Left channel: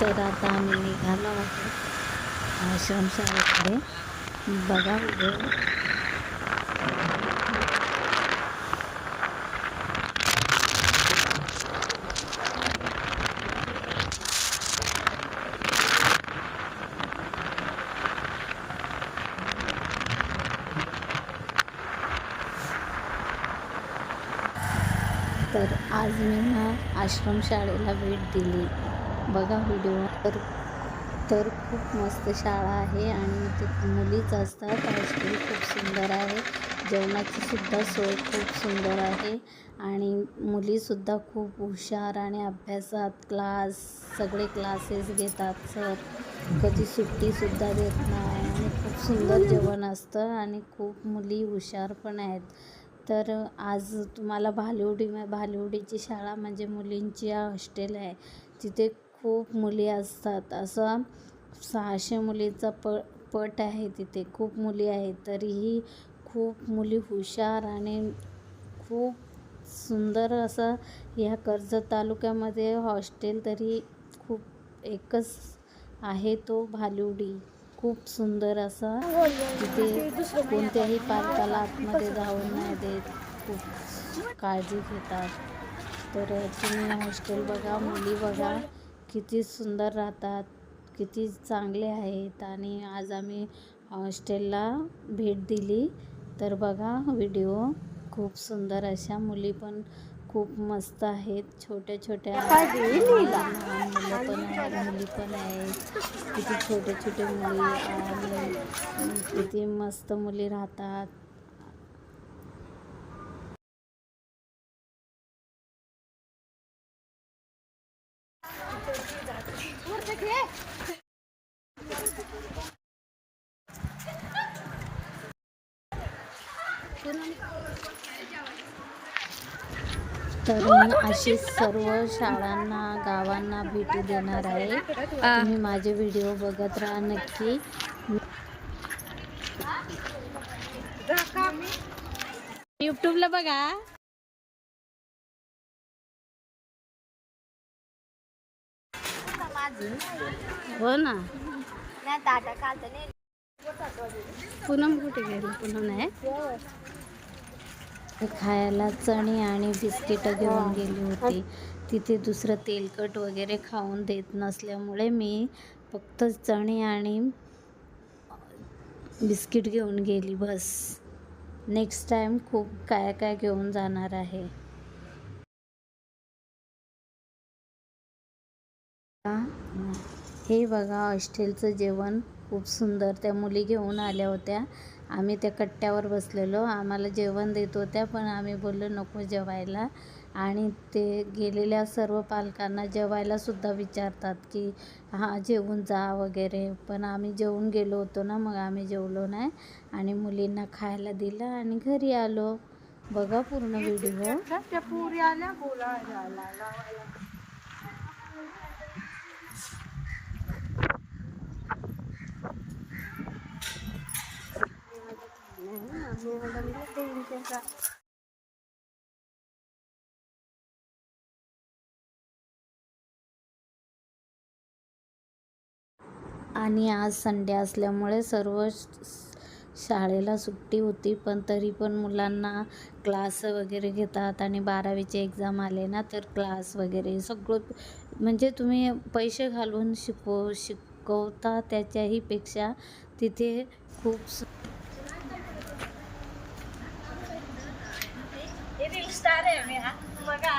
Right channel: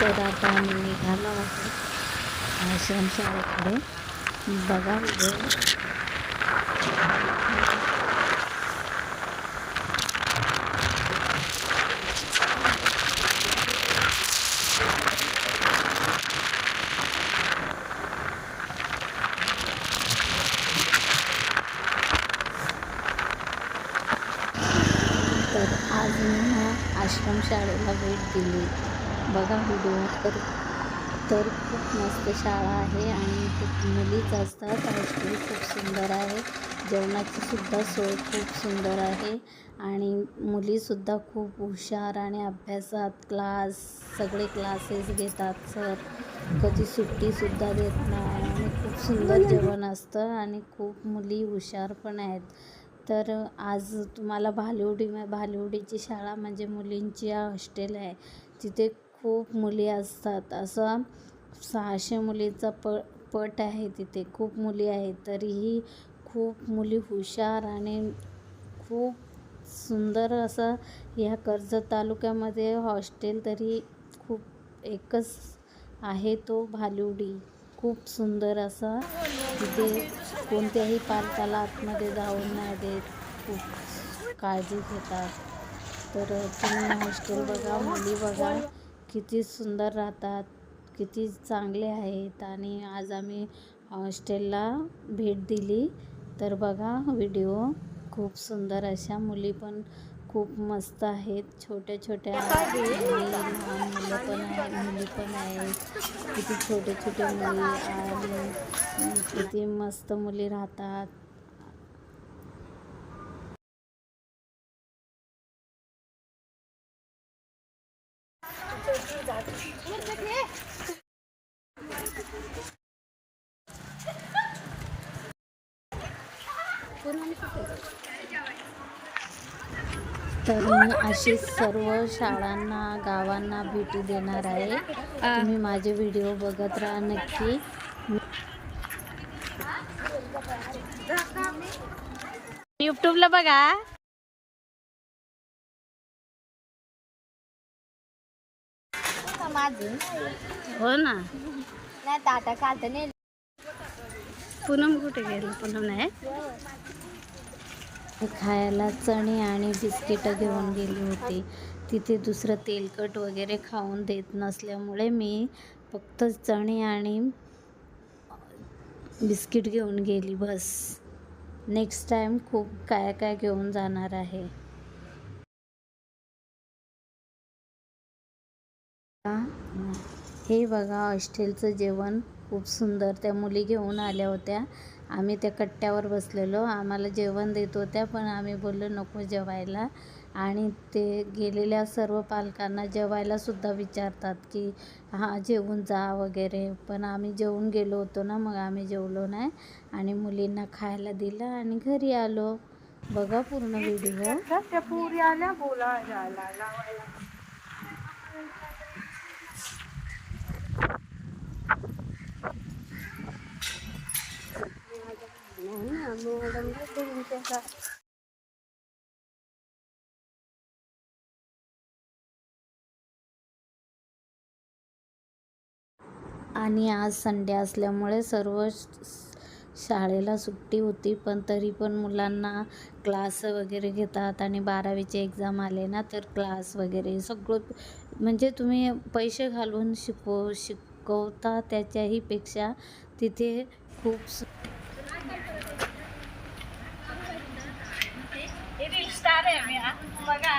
तर आता आम्ही निघालो आहोत आश्रमशाळेकडे. बघा व्हिडिओ तर आज मी ना आश्रमशाळेला भेट दिली. बघा व्हिडिओ. तर तर खूप मस्त शाळा आहे आणि ते मुलीच असतात. हॉस्टेल खूप सुंदर आहे. जेवणाची सुद्धा सोय खूप सुंदर आहे. आणि मुलीसुद्धा खूप हुशार आणि अभ्यासात क्लास सगळे क्लासेस घेतात सर कधी सुट्टीसुद्धा देत नाही आणि खूप सुंदर जेवण असतं आणि खूप मुली हुशार पण आहेत. तर आज तुम्हाला भालिवडी भालिवडीची शाळा म्हणजे मुलींची हॉस्टेल आहे. तिथे खूप मुली असतात. असं सहाशे मुलीचा प पट आहे तिथे. खूप मुली आहेत. तरीही खूप मुली हुशार आणि खूप सुंदर असं ह्या कर्जत तालुक्यामध्ये हॉस्टेल तरी खूप एकच आहे तो भालिवडी खूप सुंदर असा तिथे कोणत्याही पालकाला आतमध्ये जाऊन नाही देत. खूप काळजी घेतात. तर तुम्ही हॉस्टेल बघा मुली बघा. किती सुंदर राहतात किती चांगले आहेत. आणि आज आम्ही हॉस्टेलला भेट दिली. तर बघा व्हिडिओ खूप सुंदर. अशा मुली पण खूप मस्त आहेत. छोट्या छोट्या मुली लहान मुलं पण आहेत मुली पण आहेत. किती छोटे छोटे मुली आणि किती मस्त मुली राहतात. तर मी अशी सर्व शाळांना गावांना भेटी देणार आहे. तुम्ही माझे व्हिडिओ बघत राहा नक्की. युट्यूबला बघा. हो ना. पूनम कुठे गेली? पूनम नाही? खायला चणे आणि बिस्किटं घेऊन गेली होती. तिथे दुसरं तेलकट वगैरे खाऊन देत नसल्यामुळे मी फक्त चणे आणि बिस्किट घेऊन गेली. बस. नेक्स्ट टाईम खूप काय काय घेऊन जाणार आहे. हे बघा हॉस्टेलचं जेवण खूप सुंदर. त्या मुली घेऊन आल्या होत्या. आम्ही त्या कट्ट्यावर बसलेलो. आम्हाला जेवण देत होत्या पण आम्ही बोललो नको जेवायला. आणि ते गेलेल्या सर्व पालकांना जेवायलासुद्धा विचारतात की हां जेवून जा वगैरे. पण आम्ही जेवून गेलो होतो ना मग आम्ही जेवलो नाही. आणि मुलींना खायला दिलं आणि घरी आलो. बघा पूर्ण व्हिडिओ. आणि आज संडे असल्यामुळे सर्व शाळेला सुट्टी होती पण तरी पण मुलांना क्लास वगैरे घेतात आणि बारावीचे एक्झाम आले ना तर क्लास वगैरे सगळं म्हणजे तुम्ही पैसे घालून शिकव शिकवता त्याच्याही पेक्षा तिथे खूप स्टार आहे बघा.